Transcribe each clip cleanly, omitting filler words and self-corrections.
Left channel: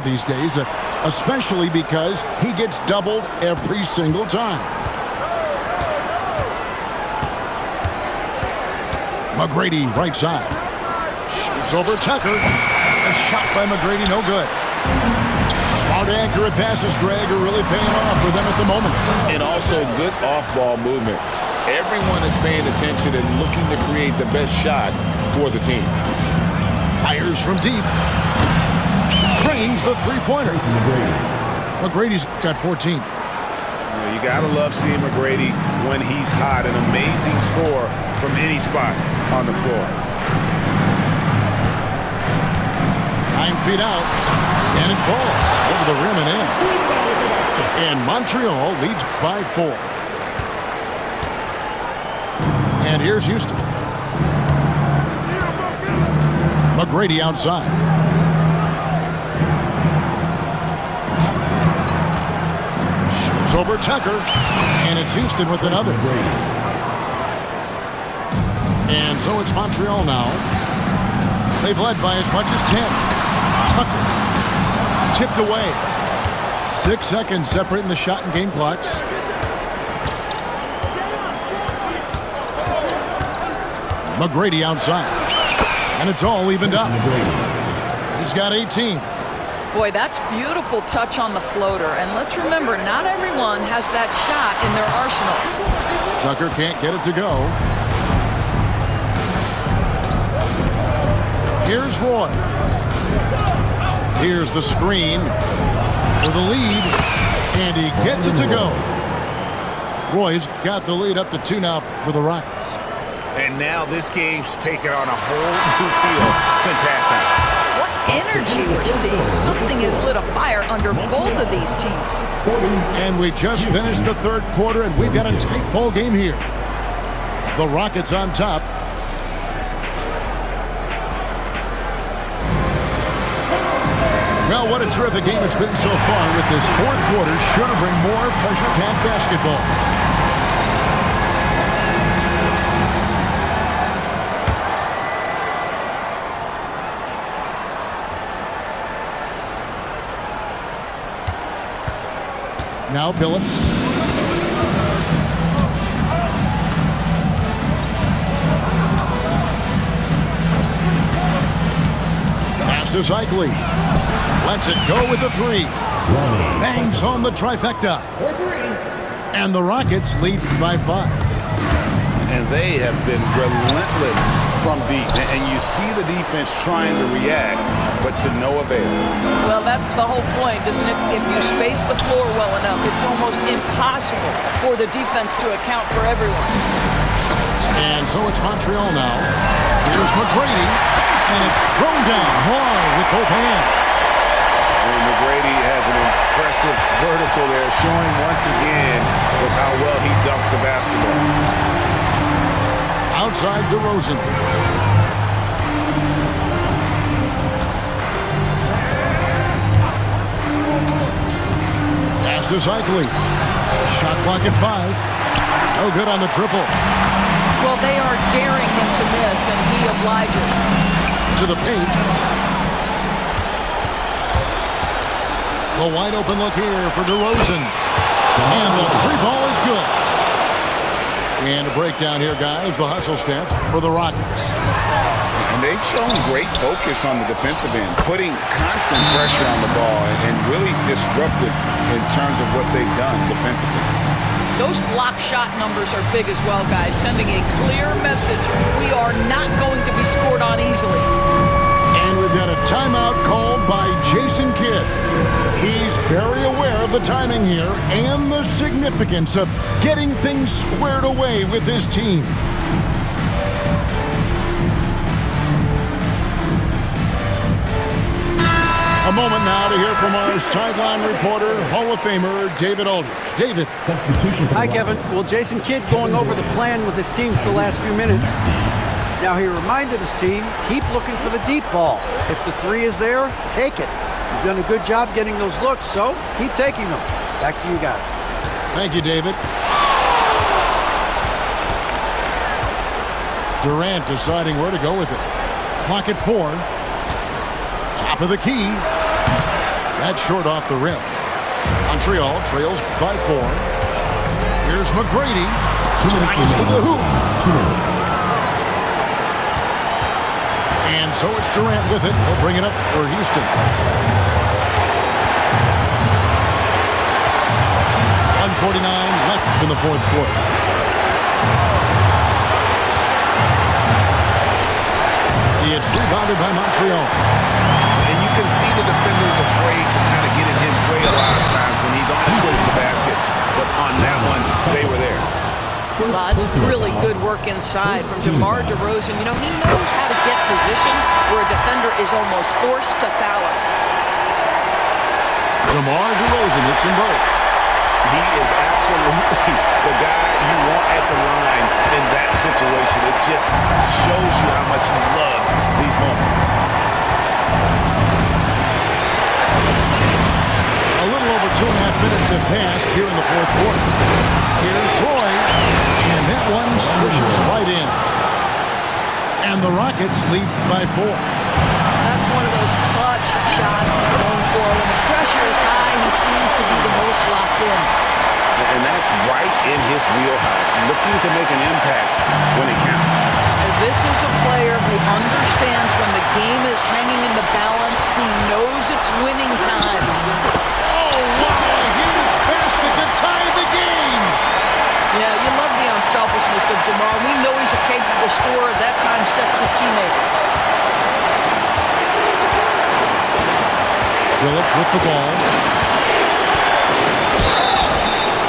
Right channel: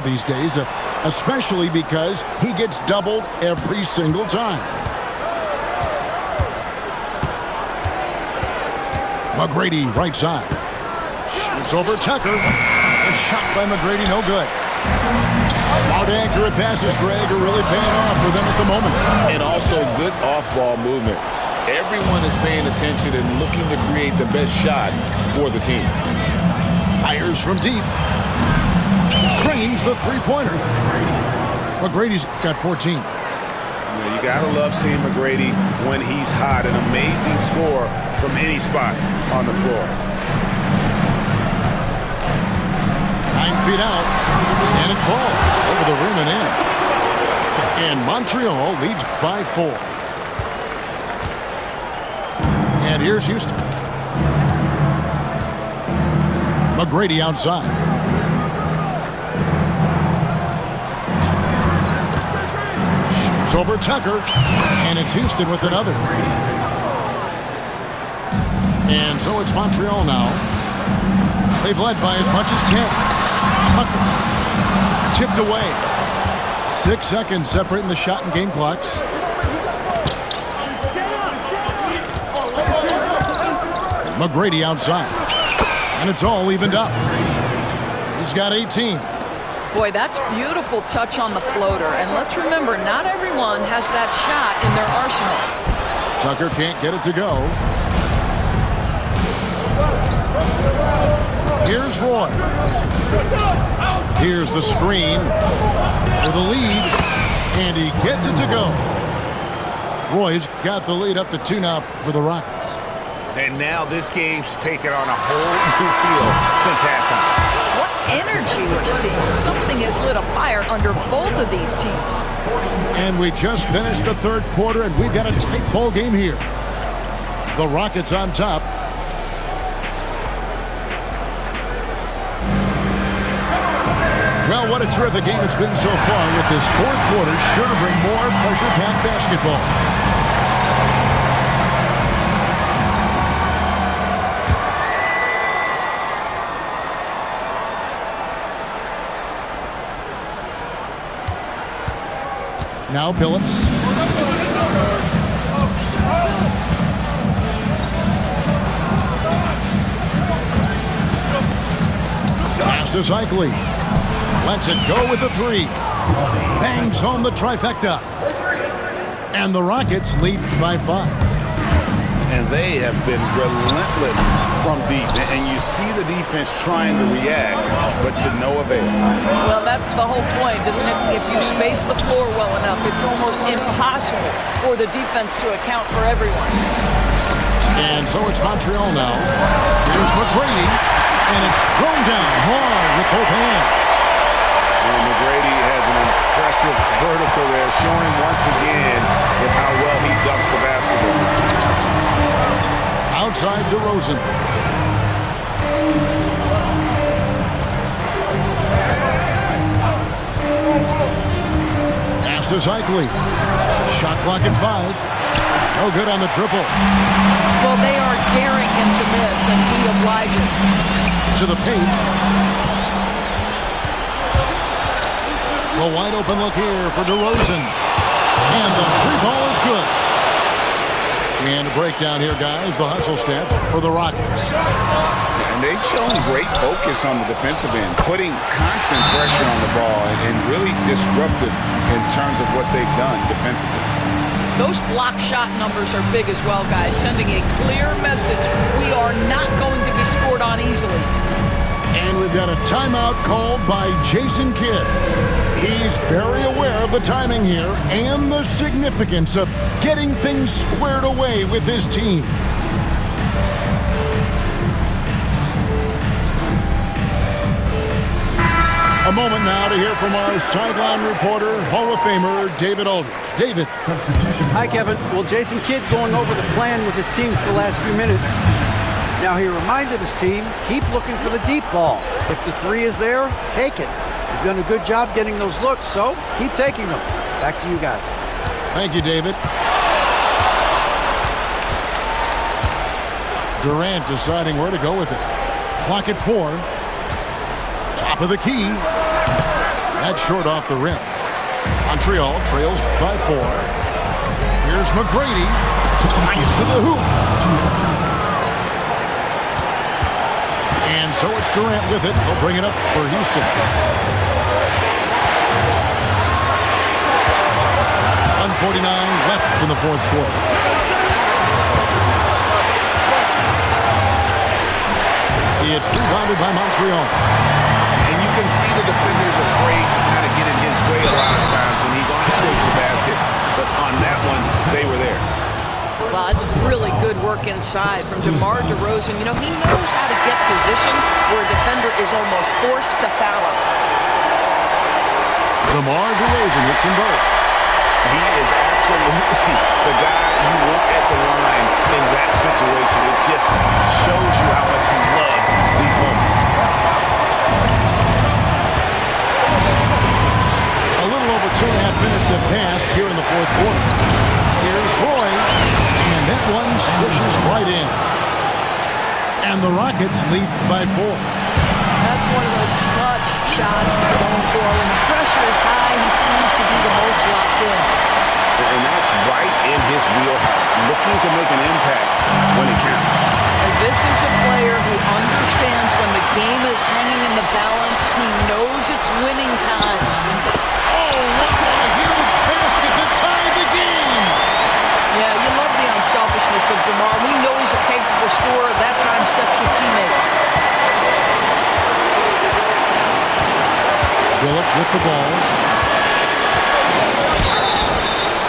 these days, especially because he gets doubled every single time. McGrady, right side. Shoots over Tucker. A shot by McGrady, no good. Smart, accurate passes, Greg, are really paying off for them at the moment. And also good off-ball movement. Everyone is paying attention and looking to create the best shot for the team. Fires from deep. Cranes the three-pointer. McGrady's got 14. You got to love seeing McGrady when he's hot. An amazing score from any spot on the floor. 9 feet out, and it falls over the rim and in. And Montreal leads by 4. And here's Houston. McGrady outside. Shoots over Tucker, and it's Houston with another. And so it's Montreal now. They've led by as much as 10. Tucker tipped away. 6 seconds separating the shot and game clocks. McGrady outside. And it's all evened up. He's got 18. Boy, that's beautiful touch on the floater. And let's remember, not everyone has that shot in their arsenal. Tucker can't get it to go. Here's Roy. Here's the screen for the lead, and he gets it to go. Roy's got the lead up to 2 now for the Rockets. And now this game's taken on a whole new feel since halftime. What energy we're seeing. Something has lit a fire under both of these teams. And we just finished the third quarter, and we've got a tight ball game here. The Rockets on top. Well, what a terrific game it's been so far, with this fourth quarter sure to bring more pressure-packed basketball. Now Billups. Pass to Cycling. Lets it go with the 3. Bangs home the trifecta. And the Rockets lead by 5. And they have been relentless from deep. And you see the defense trying to react, but to no avail. Well, that's the whole point, isn't it? If you space the floor well enough, it's almost impossible for the defense to account for everyone. And so it's Montreal now. Here's McGrady. And it's thrown down hard with both hands. And McGrady has an impressive vertical there, showing once again with how well he dunks the basketball. Outside DeRozan. Pass to Cycling. Shot clock at 5. No good on the triple. Well, they are daring him to miss, and he obliges. To the paint. The wide open look here for DeRozan. And the 3 ball is good. And a breakdown here, guys. The hustle stats for the Rockets. And they've shown great focus on the defensive end, putting constant pressure on the ball and really disruptive in terms of what they've done defensively. Those block shot numbers are big as well, guys, sending a clear message. We are not going to be scored on easily. And we've got a timeout called by Jason Kidd. He's very aware of the timing here and the significance of getting things squared away with his team. A moment now to hear from our sideline reporter, Hall of Famer David Aldridge. David. Substitution. Hi, Kevin. Well, Jason Kidd going over the plan with his team for the last few minutes. Now he reminded his team, keep looking for the deep ball. If the 3 is there, take it. You've done a good job getting those looks, so keep taking them. Back to you guys. Thank you, David. Durant deciding where to go with it. Clock at 4. Top of the key. That's short off the rim. Montreal trails by 4. Here's McGrady. Drives to the hoop. 2 minutes. And so it's Durant with it. He'll bring it up for Houston. 1:49 left in the fourth quarter. It's rebounded by Montreal. And you can see the defender's afraid to kind of get in his way a lot of times when he's on his way to the basket. But on that one, they were there. Well, that's really good work inside from DeMar DeRozan. You know, he knows how to get position where a defender is almost forced to foul him. DeMar DeRozan hits them both. He is absolutely the guy you want at the line in that situation. It just shows you how much he loves these moments. A little over 2.5 minutes have passed here in the fourth quarter. Here's Roy, and that one swishes right in. And the Rockets lead by 4. That's one of those clutch shots he's going for. When the pressure is high, he seems to be the most locked in. And that's right in his wheelhouse, looking to make an impact when it counts. And this is a player who understands when the game is hanging in the balance. He knows it's winning time. Oh, wow, a huge basket to tie the game. Yeah, you love the unselfishness of DeMar. We know he's a capable scorer. That time sets his teammate. Phillips with the ball.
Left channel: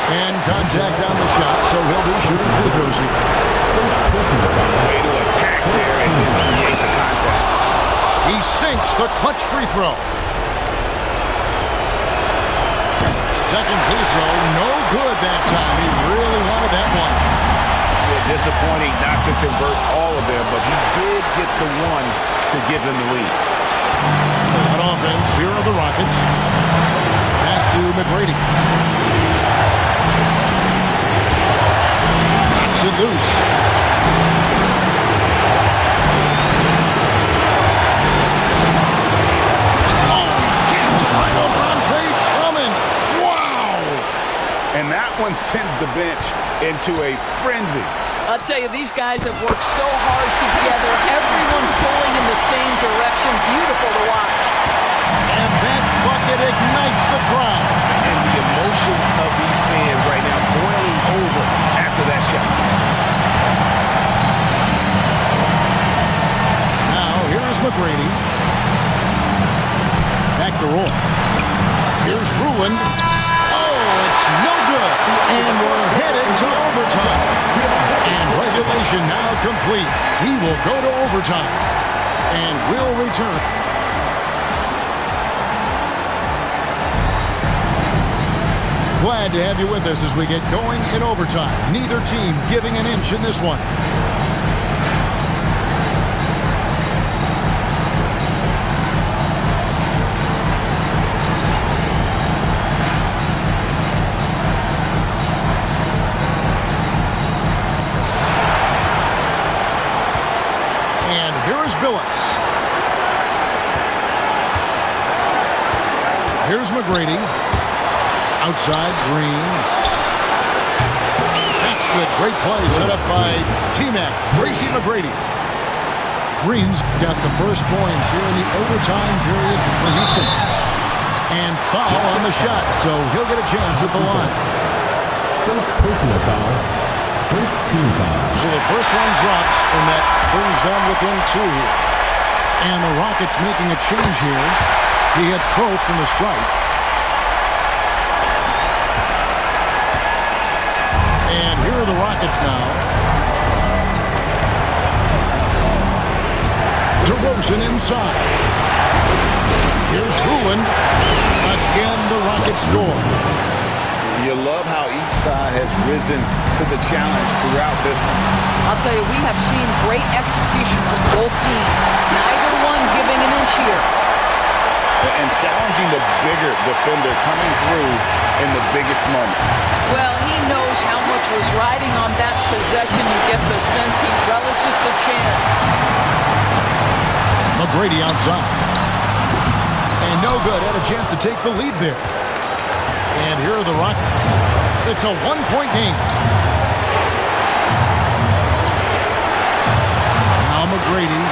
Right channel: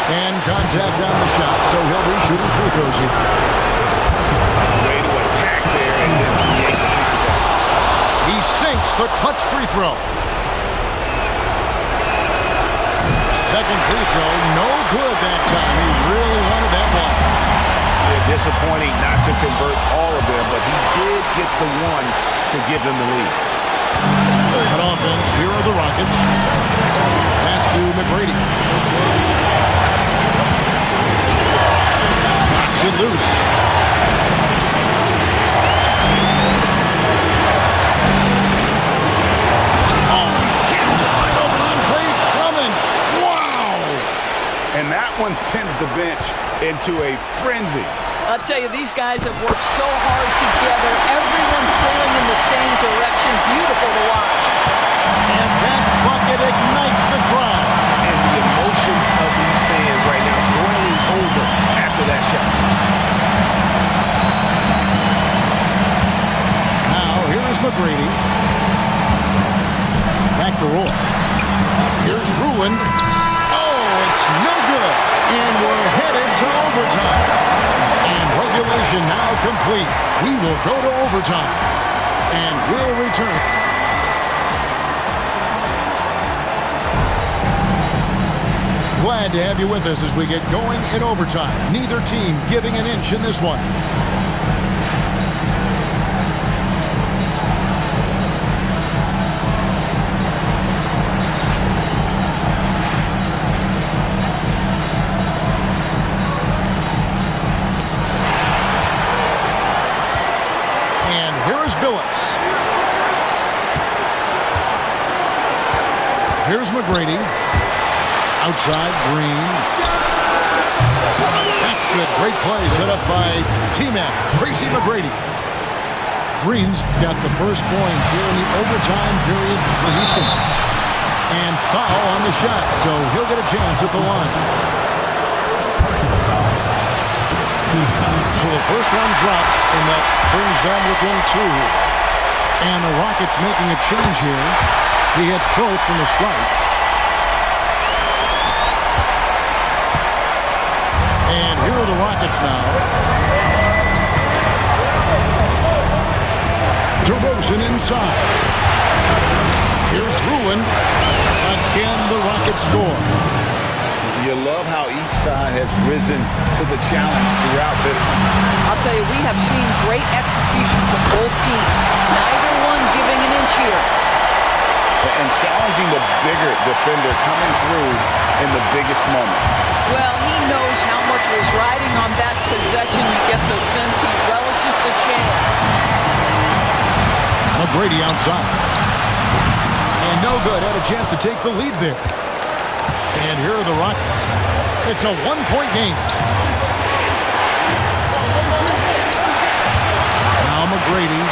And contact on the shot, so he'll be shooting free throws here. Way to attack there and then create the contact. He sinks the clutch free throw. Second free throw, no good that time. He really wanted that one. Yeah, disappointing not to convert all of them, but he did get the one to give them the lead. On offense, here are the Rockets. Pass to McGrady. Knocks it loose. Oh, he jams it right over Andre Drummond. Wow! And that one sends the bench into a frenzy. I'll tell you, these guys have worked so hard together. Everyone pulling in the same direction. Beautiful to watch. And that bucket ignites the crowd. And the emotions of these fans right now boiling over after that shot. Now, here is McGrady. Back to Roy. Here's Ruland. Oh, it's no good. And we're headed to overtime. And regulation now complete. We will go to overtime. And we'll return. Glad to have you with us as we get going in overtime. Neither team giving an inch in this one. And here is Billups. Here's McGrady. Outside, Green. That's good. Great play set up by T-Mac, Tracy McGrady. Green's got the first points here in the overtime period for Houston. And foul on the shot, so he'll get a chance at the line. First personal foul. First team foul. So the first one drops, and that brings them within 2. And the Rockets making a change here. He hits both from the stripe. And here are the Rockets now. DeRozan inside. Here's Ruland. Again, the Rockets score. You love how each side has risen to the challenge throughout this one. I'll tell you, we have seen great execution from both teams. Neither one giving an inch here. And challenging the bigger defender coming through in the biggest moment. Well, he knows how much was riding on that possession. You get the sense he relishes the chance. McGrady outside. And no good. Had a chance to take the lead there. And here are the Rockets. It's a one-point game. Now McGrady.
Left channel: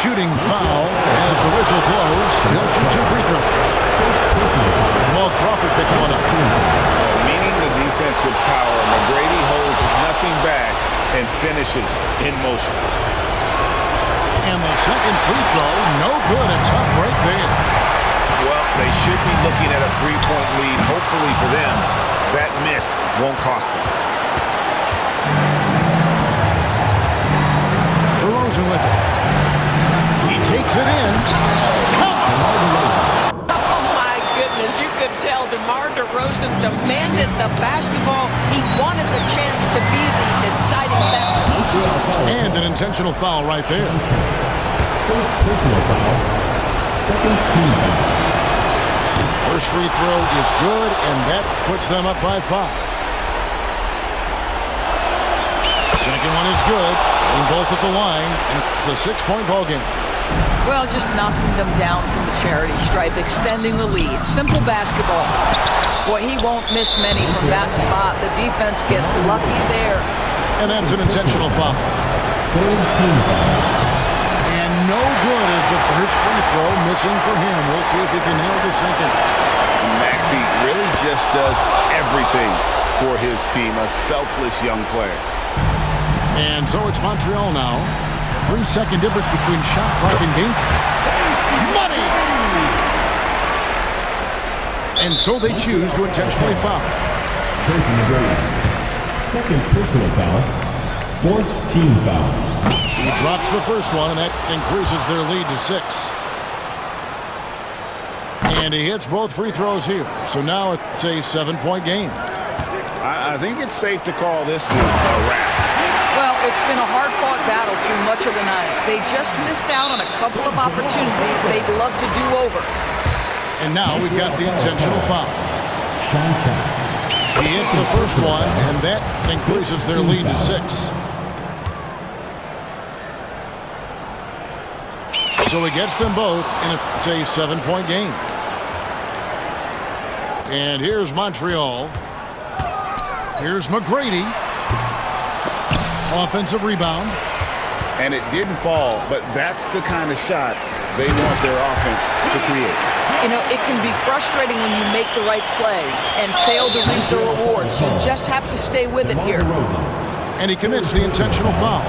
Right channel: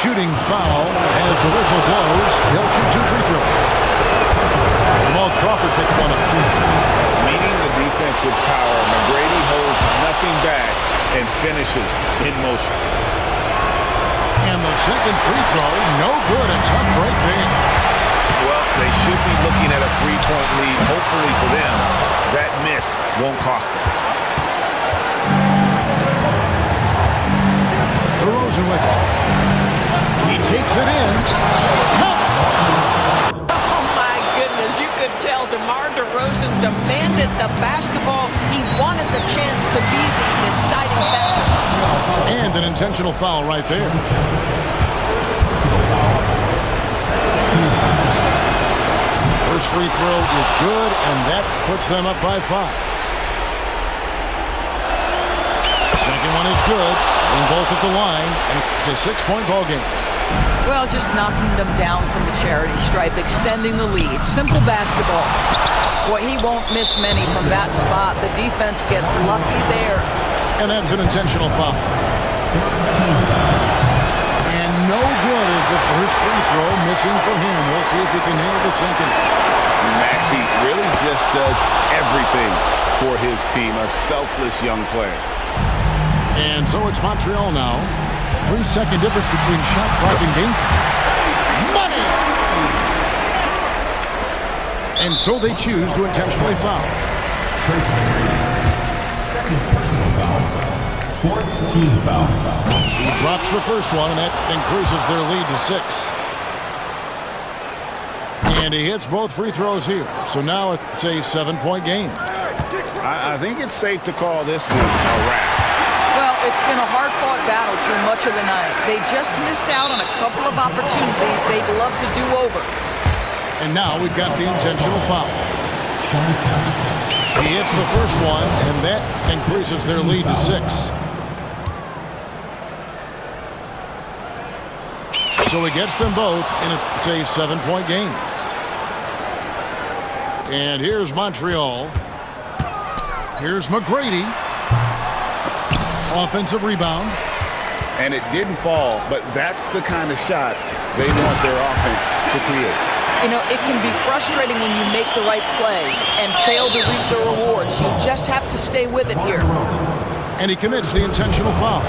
Shooting foul as the whistle blows. He'll shoot 2 free throws. Jamal Crawford picks one up. Meeting the defense with power, McGrady holds nothing back and finishes in motion. And the second free throw, no good. A tough break there. Well, they should be looking at a 3-point lead. Hopefully for them, that miss won't cost them. DeRozan with it. He takes it in. Oh, my goodness. You could tell DeMar DeRozan demanded the basketball. He wanted the chance to be the deciding factor. And an intentional foul right there. First personal foul. Second team foul. First free throw is good, and that puts them up by 5. Second one is good. Getting both at the line, and it's a 6-point ball game. Well, just knocking them down from the charity stripe, extending the lead. Simple basketball. Boy, he won't miss many from that spot. The defense gets lucky there. And that's an intentional foul. Third team foul. And no good is the first free throw, missing for him. We'll see if he can nail the second. Maxey really just does everything for his team. A selfless young player. And so it's Montreal now. 3-second difference between shot clock and game. Money! And so they choose to intentionally foul. Tracy McGrady. Second personal foul. Fourth team foul. He drops the first one, and that increases their lead to 6. And he hits both free throws here. So now it's a 7-point game. I think it's safe to call this one a wrap. Well, it's been a hard-fought battle through much of the night. They just missed out on a couple of opportunities they'd love to do over. And now we've got the intentional foul. Sean Kemp. He hits the first one, and that increases their lead to 6. So he gets them both, and it's a 7-point game. And here's Montreal. Here's McGrady. Offensive rebound. And it didn't fall, but that's the kind of shot they want their offense to create. You know, it can be frustrating when you make the right play and fail to reap the rewards. You just have to stay with it here. And he commits the intentional foul.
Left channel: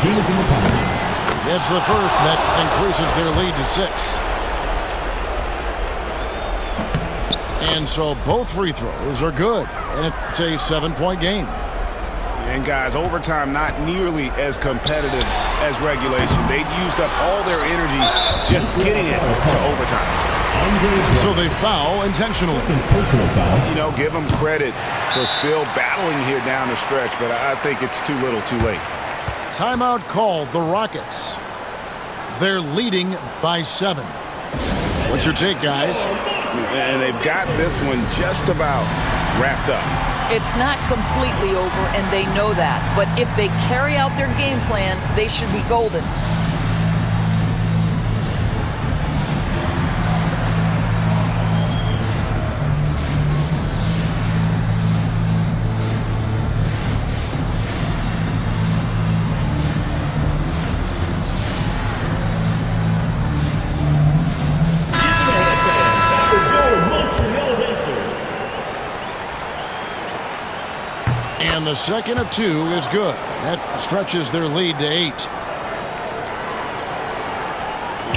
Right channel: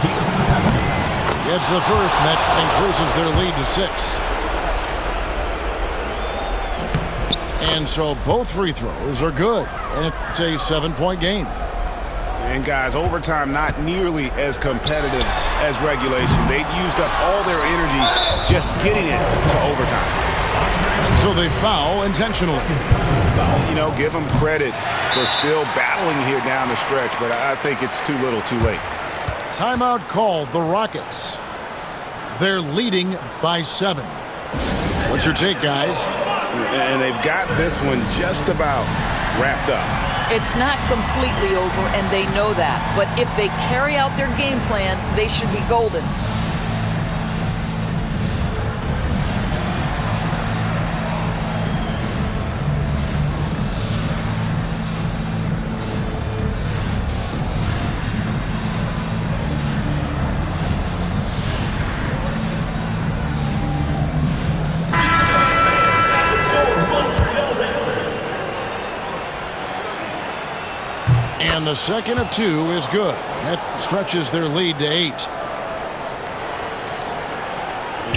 Teams in the penalty. Gets the first, and that increases their lead to 6. And so both free throws are good, and it's a 7-point game. And guys, overtime not nearly as competitive as regulation. They'd used up all their energy just getting it to overtime. And so they foul intentionally. Personal foul. You know, give them credit for still battling here down the stretch, but I think it's too little too late. Timeout called, the Rockets. They're leading by 7. What's your take, guys? And they've got this one just about wrapped up. It's not completely over, and they know that. But if they carry out their game plan, they should be golden. And the second of 2 is good. That stretches their lead to 8.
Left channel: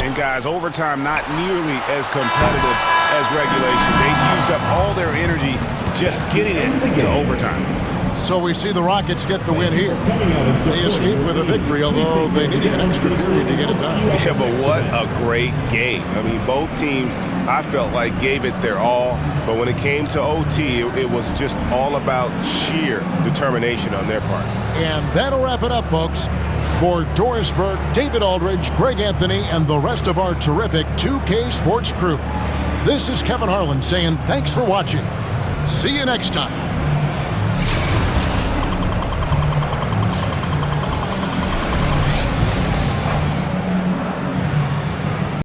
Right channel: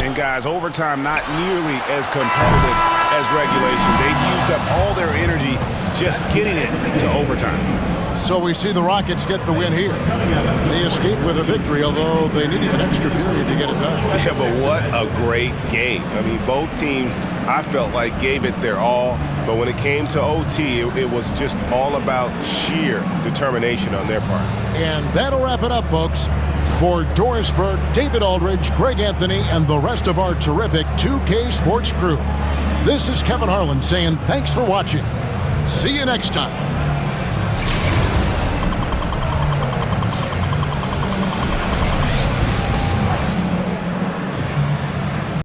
And guys, overtime not nearly as competitive as regulation. They'd used up all their energy just getting it to overtime. So we see the Rockets get the win here. They escape with a victory, although they needed an extra period to get it done. Yeah, but what a great game. I mean, both teams, I felt like, gave it their all. But when it came to OT, it was just all about sheer determination on their part. And that'll wrap it up, folks. For Doris Burke, David Aldridge, Greg Anthony, and the rest of our terrific 2K Sports crew, this is Kevin Harlan saying thanks for watching. See you next time.